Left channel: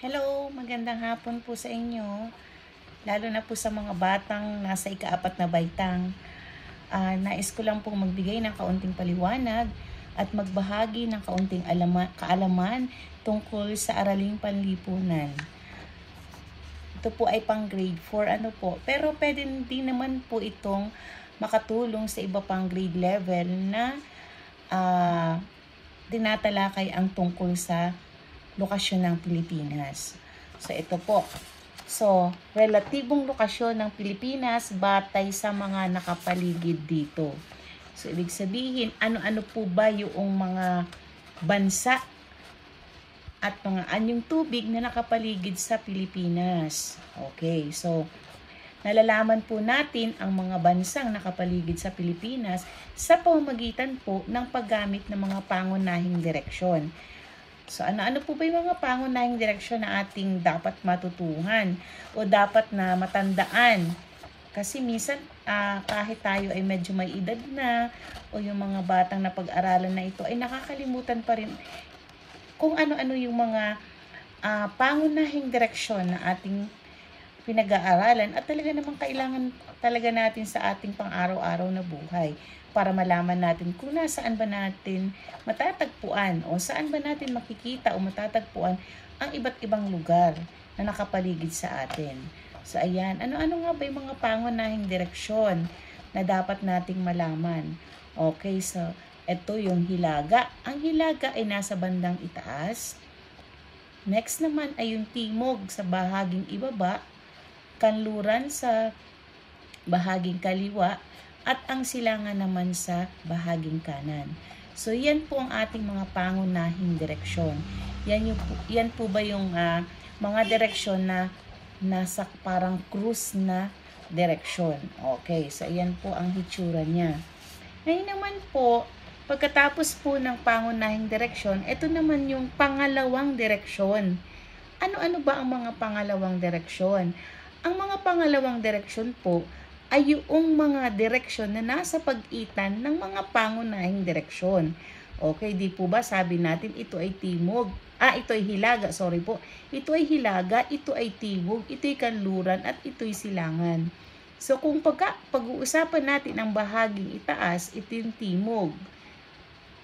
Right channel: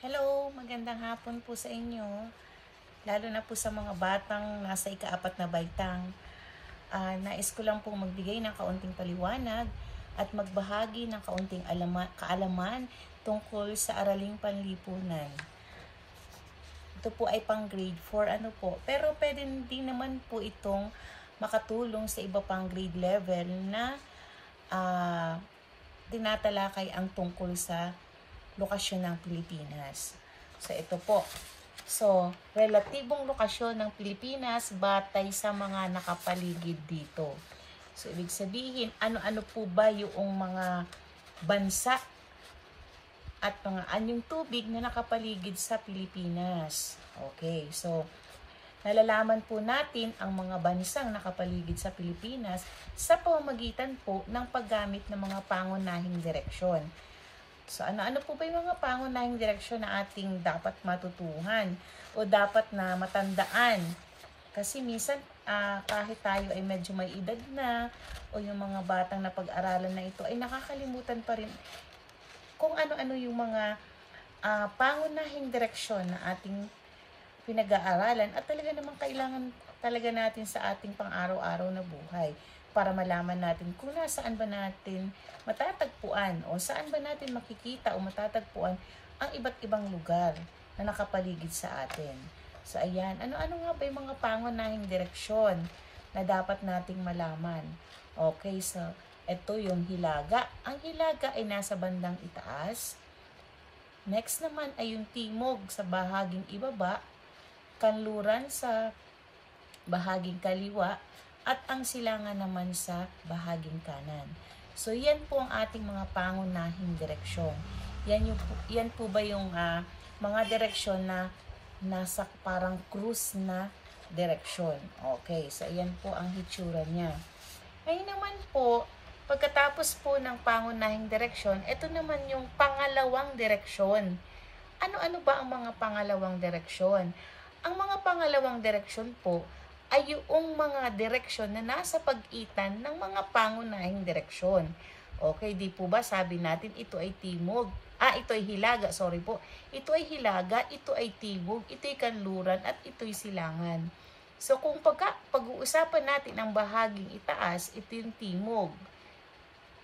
Hello, magandang hapon po sa inyo. Lalo na po sa mga batang nasa ika-4 na baitang. Nais ko lang pong magbigay ng kaunting paliwanag at magbahagi ng kaunting kaalaman tungkol sa araling panlipunan. Ito po ay pang grade 4 pero pwede din naman po itong makatulong sa iba pang grade level na tinatalakay ang tungkol sa lokasyon ng Pilipinas. So, ito po. So, relatibong lokasyon ng Pilipinas batay sa mga nakapaligid dito. So, ibig sabihin, ano-ano po ba yung mga bansa at mga anyong tubig na nakapaligid sa Pilipinas? Okay, so, nalalaman po natin ang mga bansang nakapaligid sa Pilipinas sa pamamagitan po ng paggamit ng mga pangunahing direksyon. So, ano-ano po ba yung mga pangunahing direksyon na ating dapat matutuhan o dapat na matandaan? Kasi minsan, kahit tayo ay medyo may edad na o yung mga batang na pag-aralan na ito ay nakakalimutan pa rin kung ano-ano yung mga pangunahing direksyon na ating pinag-aaralan at talaga namang kailangan talaga natin sa ating pang-araw-araw na buhay para malaman natin kung nasaan ba natin matatagpuan o saan ba natin makikita o matatagpuan ang iba't ibang lugar na nakapaligid sa atin. So ayan, ano-ano nga ba yung mga pangunahing direksyon na dapat nating malaman? Okay, so ito yung hilaga. Ang hilaga ay nasa bandang itaas. Next naman ay yung timog sa bahaging ibaba, kanluran sa bahaging kaliwa, at ang silangan naman sa bahaging kanan. So, yan po ang ating mga pangunahing direksyon. Yan po ba yung mga direksyon na nasa parang cruise na direksyon. Okay, so yan po ang hitsura niya. Ngayon naman po, pagkatapos po ng pangunahing direksyon, ito naman yung pangalawang direksyon. Ano-ano ba ang mga pangalawang direksyon? Ang mga pangalawang direksyon po ay yung mga direksyon na nasa pagitan ng mga pangunahing direksyon. Okay, di po ba sabi natin ito ay timog? Ito ay hilaga, sorry po. Ito ay hilaga, ito ay timog, ito ay kanluran, at ito ay silangan. So kung pag-uusapan natin ang bahaging itaas, ito yung timog.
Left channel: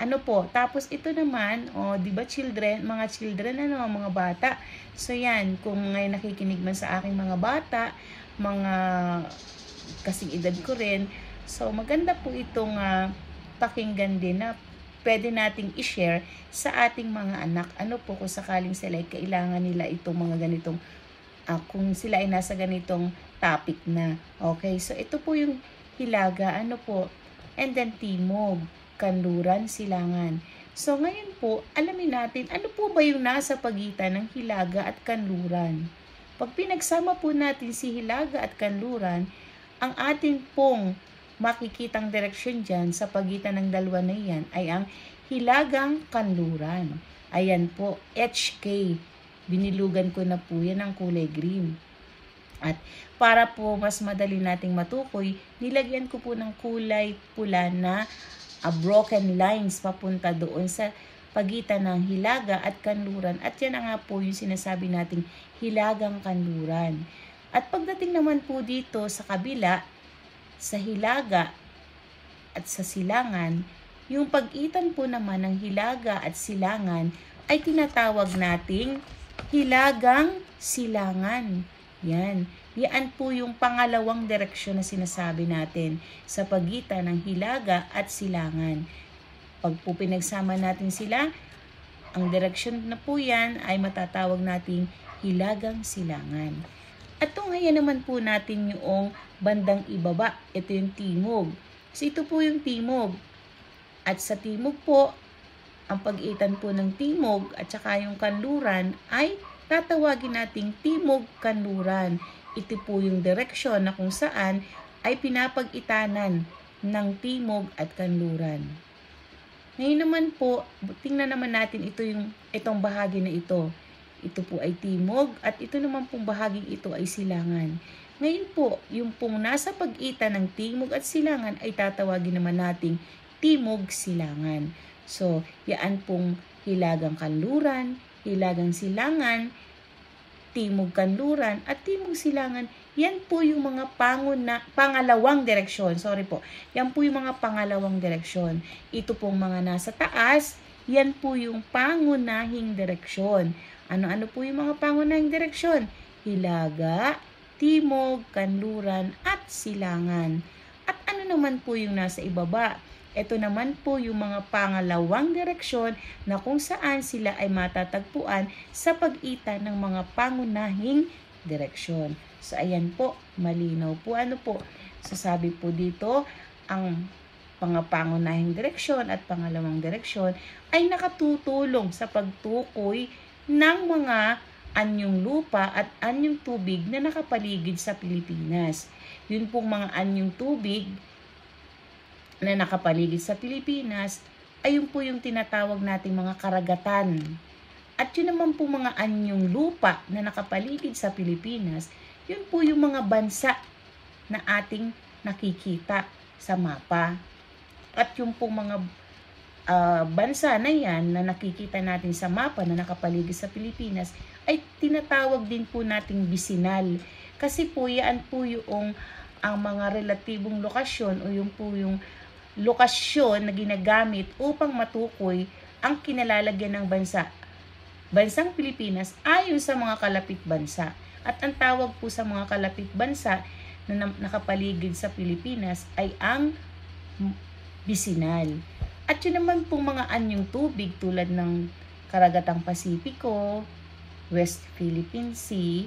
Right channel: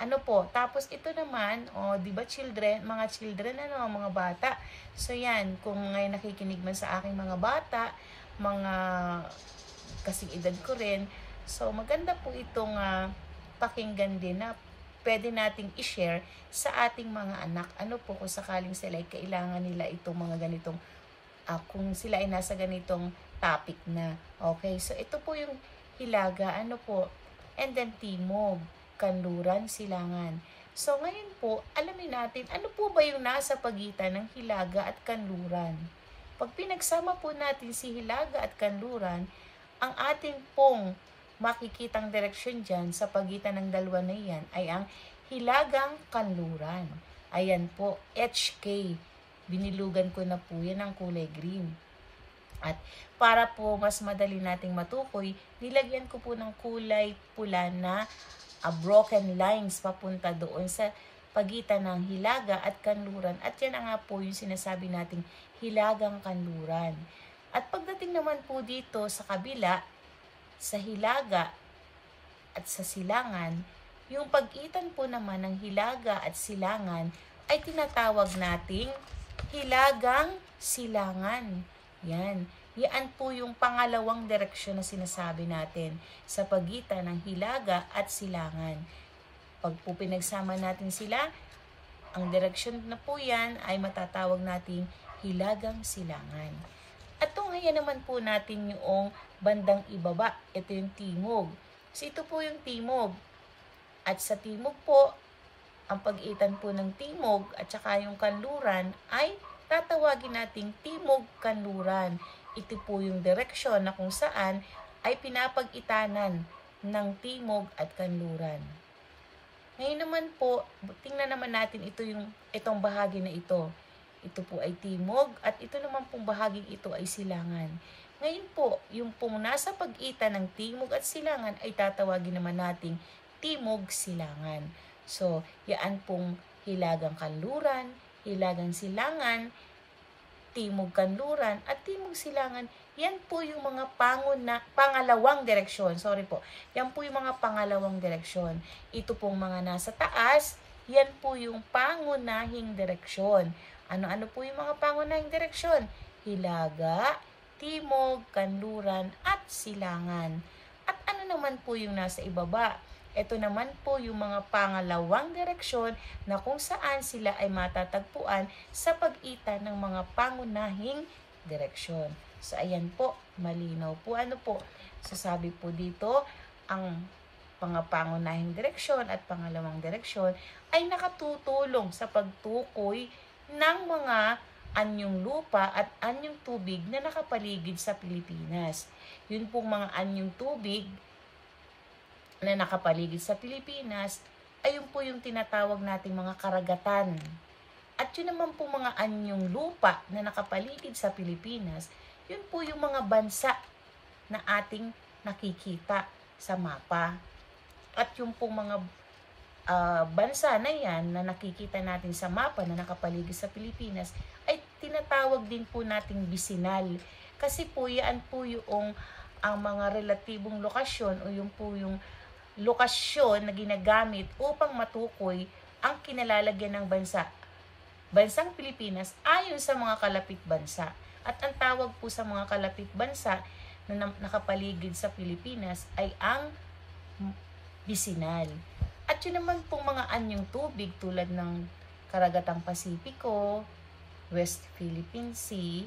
Ano po? Tapos ito naman, di ba mga children, mga bata. So yan, kung ngayon nakikinig man sa aking mga bata, mga kasing edad ko rin. So, maganda po itong pakinggan din na pwede nating i-share sa ating mga anak. Ano po kung sakaling sila ay kailangan nila itong mga ganitong, kung sila ay nasa ganitong topic na. Okay, so ito po yung hilaga, ano po, and then timog, kanluran, silangan. So, ngayon po, alamin natin, ano po ba yung nasa pagitan ng hilaga at kanluran? Pag pinagsama po natin si hilaga at kanluran, ang atin pong makikitang direksyon dyan sa pagitan ng dalawa na yan ay ang hilagang kanluran. Ayan po, HK. Binilugan ko na po yan ng kulay green. At para po mas madali nating matukoy, nilagyan ko po ng kulay pula na broken lines papunta doon sa pagitan ng hilaga at kanluran. At yan nga po yung sinasabi nating hilagang kanluran. At pagdating naman po dito sa kabila, sa hilaga at sa silangan, yung pagitan po naman ng hilaga at silangan ay tinatawag nating hilagang silangan. Yan. Yan po yung pangalawang direksyon na sinasabi natin sa pagitan ng hilaga at silangan. Pag po pinagsama natin sila, ang direksyon na po yan ay matatawag nating hilagang silangan. At ngayon naman po natin yung bandang ibaba. Ito yung timog. So ito po yung timog. At sa timog po, ang pagitan po ng timog at saka yung kanluran ay tatawagin nating timog-kanluran. Ito po yung direksyon na kung saan ay pinapag-itanan ng timog at kanluran. Ngayon naman po, tingnan naman natin itong bahagi na ito. Ito po ay timog at ito naman pong bahaging ito ay silangan. Ngayon po, yung pong nasa pagitan ng timog at silangan ay tatawagin naman nating timog-silangan. So, yan pong hilagang kanluran, hilagang silangan, Timog Kanluran, at Timog Silangan. Yan po yung mga pangalawang direksyon. Sorry po. Yan po yung mga pangalawang direksyon. Ito pong mga nasa taas, yan po yung pangunahing direksyon. Ano-ano po yung mga pangunahing direksyon? Hilaga, Timog, Kanluran, at Silangan. At ano naman po yung nasa ibaba? Ito naman po yung mga pangalawang direksyon na kung saan sila ay matatagpuan sa pagitan ng mga pangunahing direksyon. So, ayan po, malinaw po. Ano po? Sasabi po dito, ang mga pangunahing direksyon at pangalawang direksyon ay nakatutulong sa pagtukoy ng mga anyong lupa at anyong tubig na nakapaligid sa Pilipinas. Yun pong mga anyong tubig na nakapaligid sa Pilipinas, ayun po yung tinatawag nating mga karagatan. At yun naman po mga anyong lupa na nakapaligid sa Pilipinas, yun po yung mga bansa na ating nakikita sa mapa. At yung po mga bansa na yan na nakikita natin sa mapa na nakapaligid sa Pilipinas, ay tinatawag din po nating bisinal. Kasi po yan po yung ang mga relatibong lokasyon o yung po yung lokasyon na ginagamit upang matukoy ang kinalalagyan ng bansang Pilipinas ayon sa mga kalapit bansa. At ang tawag po sa mga kalapit bansa na nakapaligid sa Pilipinas ay ang bisinal. At yun naman pong mga anyong tubig tulad ng Karagatang Pasipiko, West Philippine Sea,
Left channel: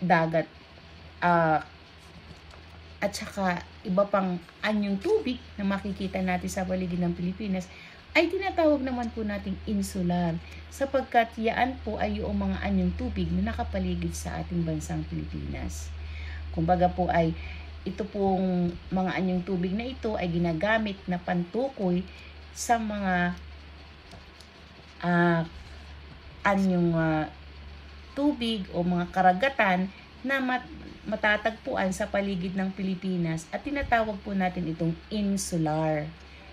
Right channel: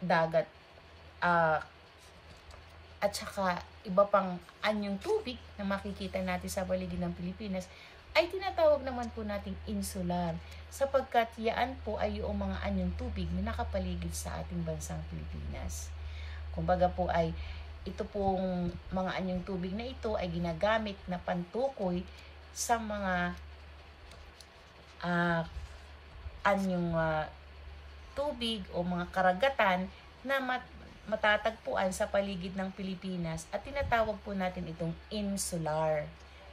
dagat, at saka iba pang anyong tubig na makikita natin sa paligid ng Pilipinas ay tinatawag naman po natin insular, sapagkat yaan po ay yung mga anyong tubig na nakapaligid sa ating bansang Pilipinas. Kumbaga po ay ito pong mga anyong tubig na ito ay ginagamit na pantukoy sa mga anyong tubig o mga karagatan na matatagpuan sa paligid ng Pilipinas at tinatawag po natin itong insular.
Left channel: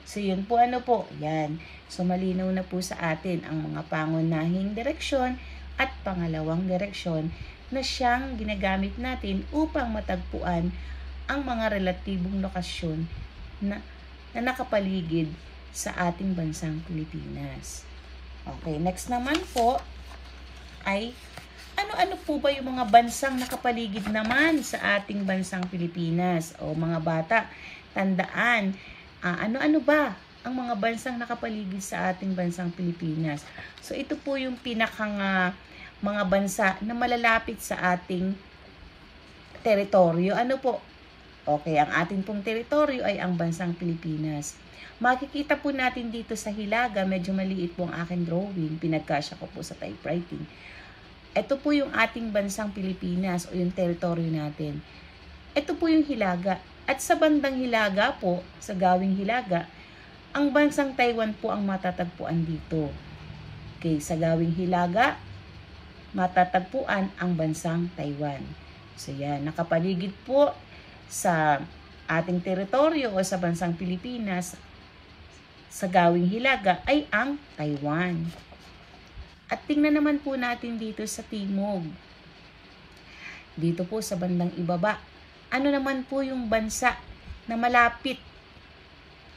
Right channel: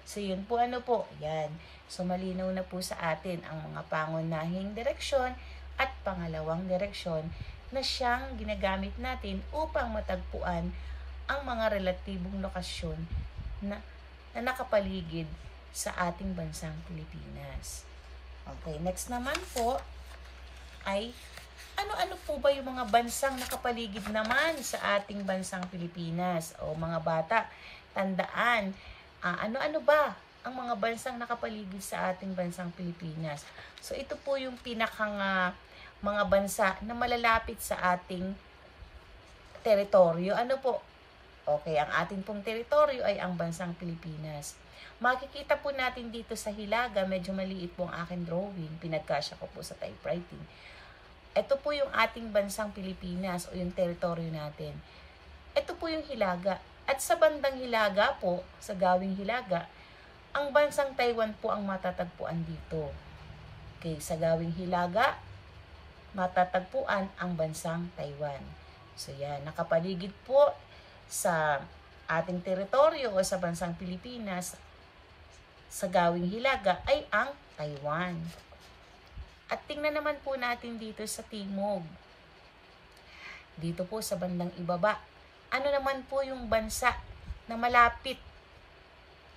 So yun po, ano po, yan. So malinaw na po sa atin ang mga pangunahing direksyon at pangalawang direksyon na siyang ginagamit natin upang matagpuan ang mga relatibong lokasyon na nakapaligid sa ating bansang Pilipinas. Okay, next naman po ay ano-ano po ba yung mga bansang nakapaligid naman sa ating bansang Pilipinas? O mga bata, tandaan, ano-ano ba ang mga bansang nakapaligid sa ating bansang Pilipinas? So ito po yung pinakang mga bansa na malalapit sa ating teritoryo. Ano po? Okay, ang ating pong teritoryo ay ang bansang Pilipinas. Makikita po natin dito sa hilaga, medyo maliit po ang aking drawing, pinagkasya ko po sa typewriting. Ito po yung ating bansang Pilipinas o yung teritoryo natin. Ito po yung hilaga. At sa bandang hilaga po, sa gawing hilaga, ang bansang Taiwan po ang matatagpuan dito. Okay, sa gawing hilaga, matatagpuan ang bansang Taiwan. So yan, nakapaligid po sa ating teritoryo o sa bansang Pilipinas, sa gawing hilaga ay ang Taiwan. At tingnan naman po natin dito sa timog. Dito po sa bandang ibaba. Ano naman po yung bansa na malapit?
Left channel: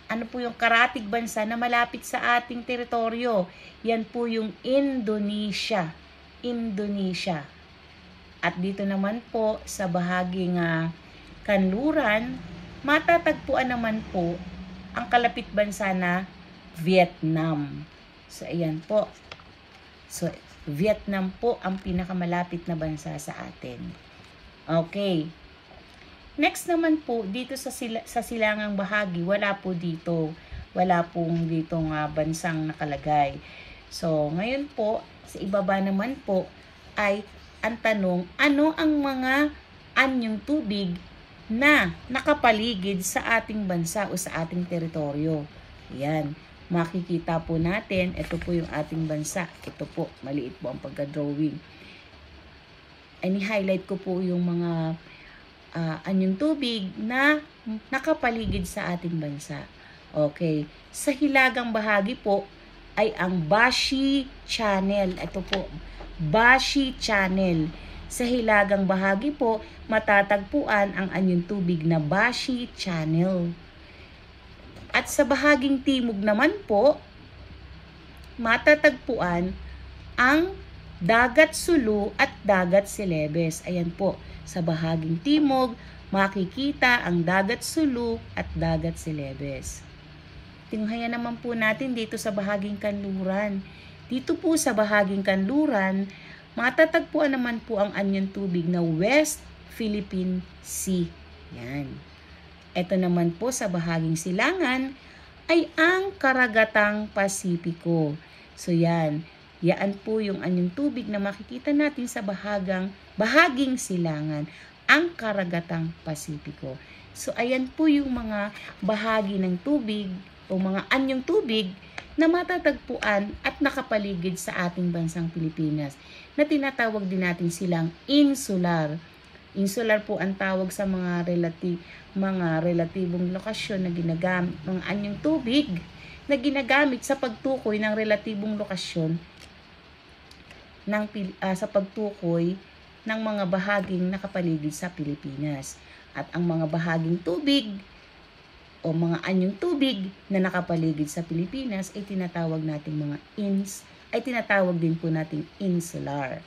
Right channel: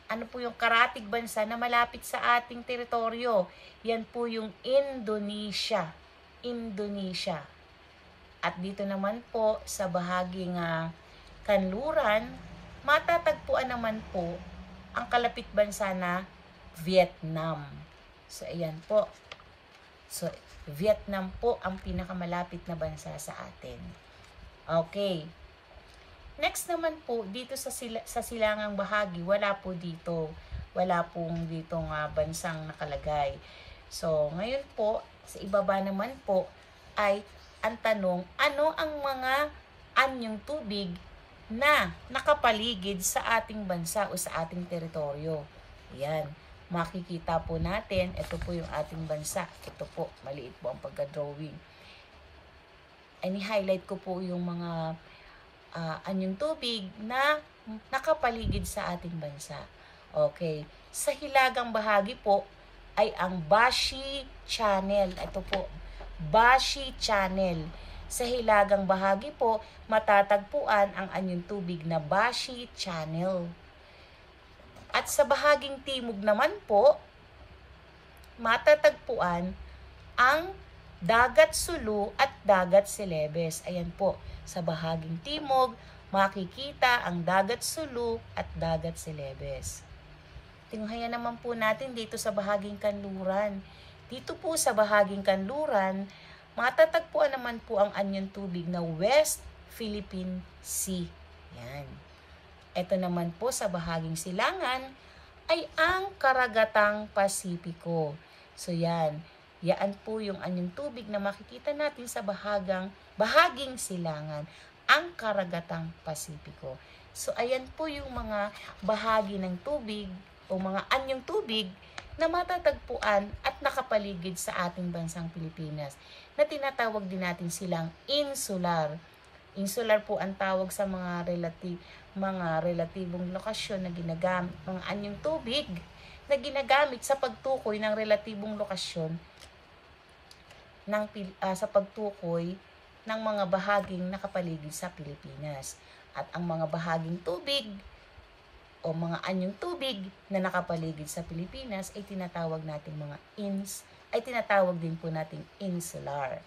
Ano po yung karatig bansa na malapit sa ating teritoryo? Yan po yung Indonesia. Indonesia. At dito naman po sa bahaging kanluran, matatagpuan naman po ang kalapit bansa na Vietnam. So ayan po. So, Vietnam po ang pinakamalapit na bansa sa atin. Okay. Next naman po, dito sa silangang bahagi, wala po dito. Wala pong ditong bansang nakalagay. So, ngayon po, sa ibaba naman po, ay ang tanong, ano ang mga anyong tubig na nakapaligid sa ating bansa o sa ating teritoryo? Yan. Makikita po natin, ito po yung ating bansa. Ito po, maliit po ang pagka-drawing. Ini-highlight ko po yung mga anyong tubig na nakapaligid sa ating bansa. Okay. Sa hilagang bahagi po ay ang Bashi Channel. Ito po, Bashi Channel. Sa hilagang bahagi po, matatagpuan ang anyong tubig na Bashi Channel. At sa bahaging timog naman po, matatagpuan ang Dagat Sulu at Dagat Celebes. Ayan po, sa bahaging timog, makikita ang Dagat Sulu at Dagat Celebes. Tinghayan naman po natin dito sa bahaging kanluran. Dito po sa bahaging kanluran, matatagpuan naman po ang anyong tubig na West Philippine Sea. Yan. Ito naman po sa bahaging silangan ay ang Karagatang Pasipiko. So yan. Yan po yung anyong tubig na makikita natin sa bahaging silangan, ang Karagatang Pasipiko. So ayan po yung mga bahagi ng tubig o mga anyong tubig na matatagpuan at nakapaligid sa ating bansang Pilipinas, na tinatawag din natin silang insular. Insular po ang tawag sa mga relatibong lokasyon na ginagamit, mga anyong tubig na ginagamit sa pagtukoy ng relatibong lokasyon sa pagtukoy ng mga bahaging nakapaligid sa Pilipinas. At ang mga bahaging tubig o mga anyong tubig na nakapaligid sa Pilipinas ay tinatawag natin tinatawag din po natin insular.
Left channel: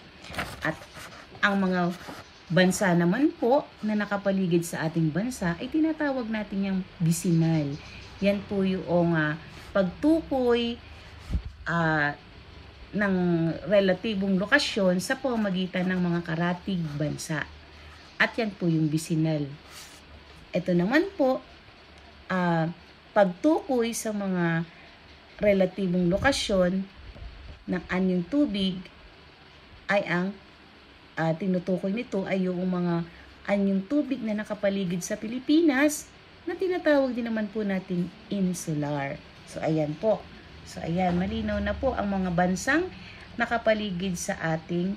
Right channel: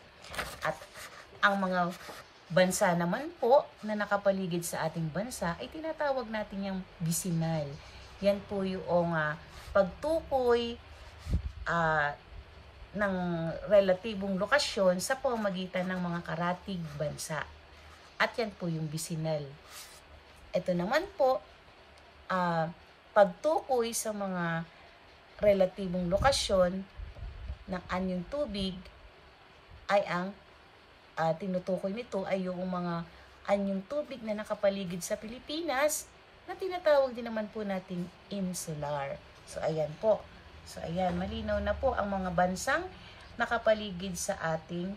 At ang mga bansa naman po na nakapaligid sa ating bansa ay tinatawag natin yung bisinal. Yan po yung pagtukoy ng relatibong lokasyon sa pamamagitan ng mga karatig bansa. At yan po yung bisinal. Ito naman po, pagtukoy sa mga relatibong lokasyon ng anyong tubig ay ang tinutukoy nito ay yung mga anyong tubig na nakapaligid sa Pilipinas na tinatawag din naman po natin insular. So ayan po. So ayan, malinaw na po ang mga bansang nakapaligid sa ating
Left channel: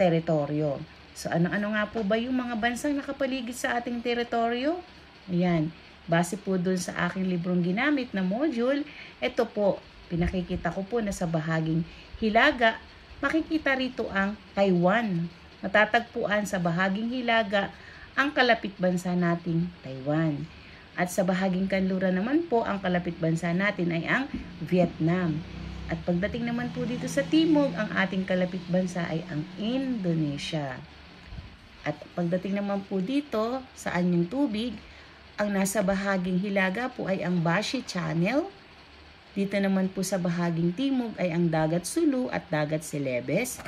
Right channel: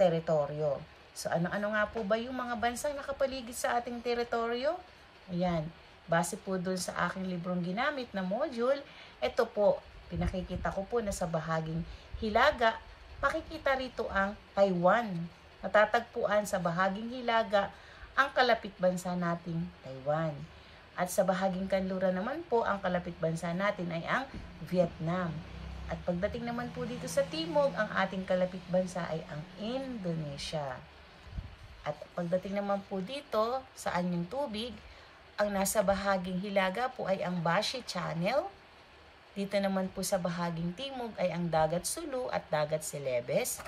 teritoryo. So ano-ano nga po ba yung mga bansang nakapaligid sa ating teritoryo? Ayan, base po dun sa aking librong ginamit na module, ito po, pinakikita ko po na sa bahaging hilaga, makikita rito ang Taiwan. Matatagpuan sa bahaging hilaga ang kalapit bansa nating Taiwan. At sa bahaging kanluran naman po, ang kalapit bansa natin ay ang Vietnam. At pagdating naman po dito sa timog, ang ating kalapit bansa ay ang Indonesia. At pagdating naman po dito sa anyong tubig, ang nasa bahaging hilaga po ay ang Bashi Channel. Dito naman po sa bahaging timog ay ang Dagat Sulu at Dagat Celebes.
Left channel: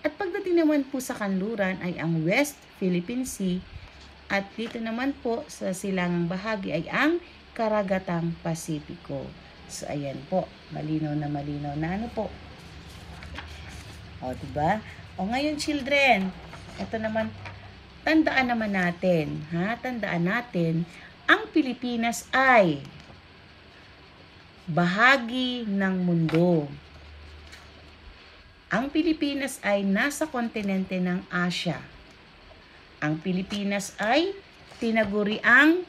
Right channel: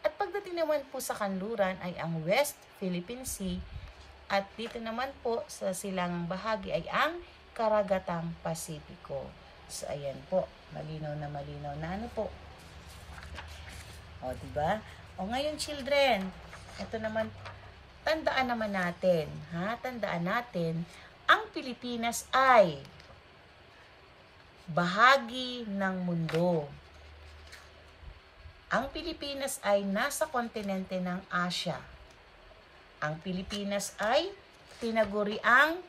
At pagdating naman po sa kanluran ay ang West Philippine Sea. At dito naman po sa silangang bahagi ay ang Karagatang Pasipiko. So ayan po, malinaw na ano po. O diba? O ngayon children, ito naman, tandaan naman natin, tandaan natin, ang Pilipinas ay bahagi ng mundo. Ang Pilipinas ay nasa kontinente ng Asia. Ang Pilipinas ay tinaguriang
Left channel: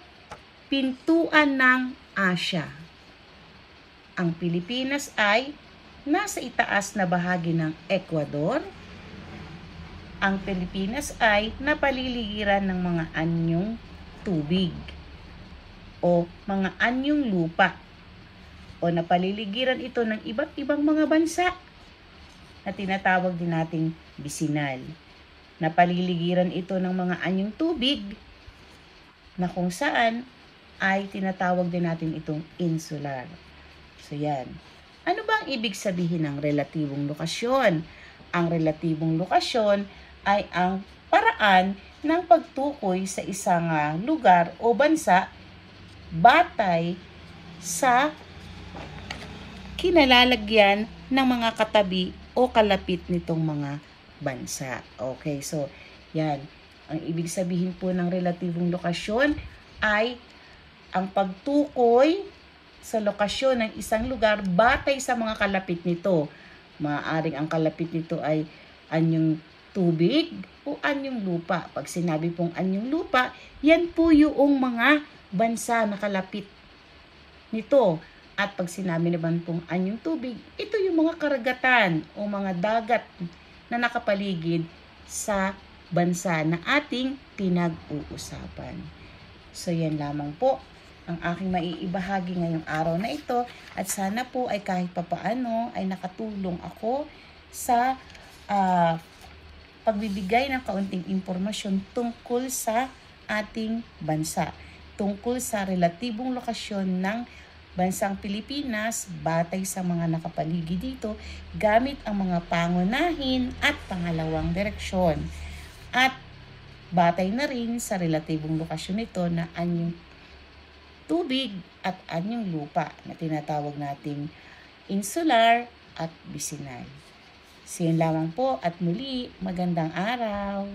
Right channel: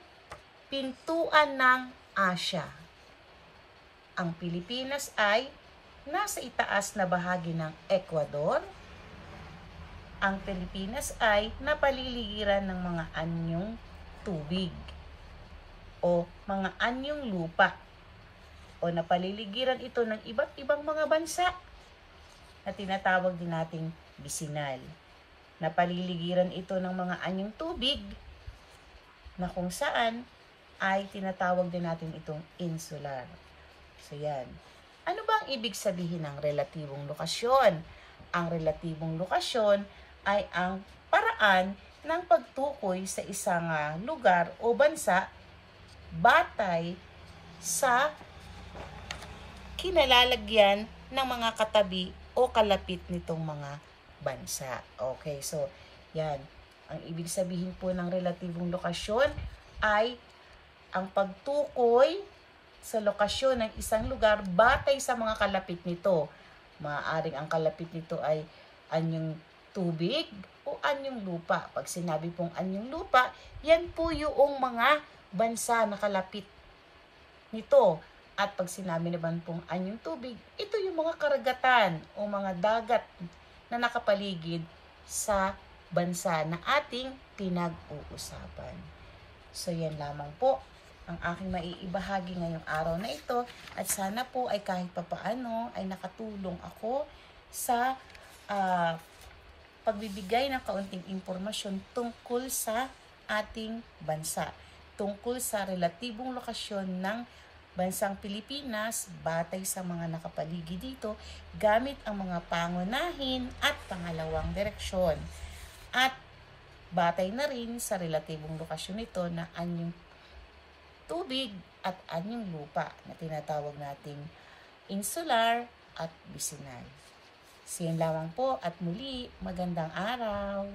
pintuan ng Asia. Ang Pilipinas ay nasa itaas na bahagi ng Ecuador. Ang Pilipinas ay napaliligiran ng mga anyong tubig o mga anyong lupa o napaliligiran ito ng iba't ibang mga bansa na tinatawag din nating bisinal. Napaliligiran ito ng mga anyong tubig na kung saan ay tinatawag din natin itong insular. So yan. Ano ba ang ibig sabihin ng relatibong lokasyon? Ang relatibong lokasyon ay ang paraan ng pagtukoy sa isang lugar o bansa batay sa kinalalagyan ng mga katabi o kalapit nitong mga bansa. Okay, so yan. Ang ibig sabihin po ng relatibong lokasyon ay ang pagtukoy sa lokasyon ng isang lugar batay sa mga kalapit nito. Maaaring ang kalapit nito ay anyong tubig o anyong lupa. Pag sinabi pong anyong lupa, yan po yung mga bansa na kalapit nito. At pag sinabi naman pong anyong tubig, ito yung mga karagatan o mga dagat na nakapaligid sa bansa na ating pinag-uusapan. So yan lamang po ang aking maiibahagi ngayong araw na ito, at sana po ay kahit papaano ay nakatulong ako sa pagbibigay ng kaunting impormasyon tungkol sa ating bansa, tungkol sa relatibong lokasyon ng bansang Pilipinas batay sa mga nakapaligid dito gamit ang mga pangunahin at pangalawang direksyon, at batay na rin sa relatibong lokasyon nito na anyong tubig at anyong lupa na tinatawag nating insular at vicinal. So yun lamang po, at muli magandang araw.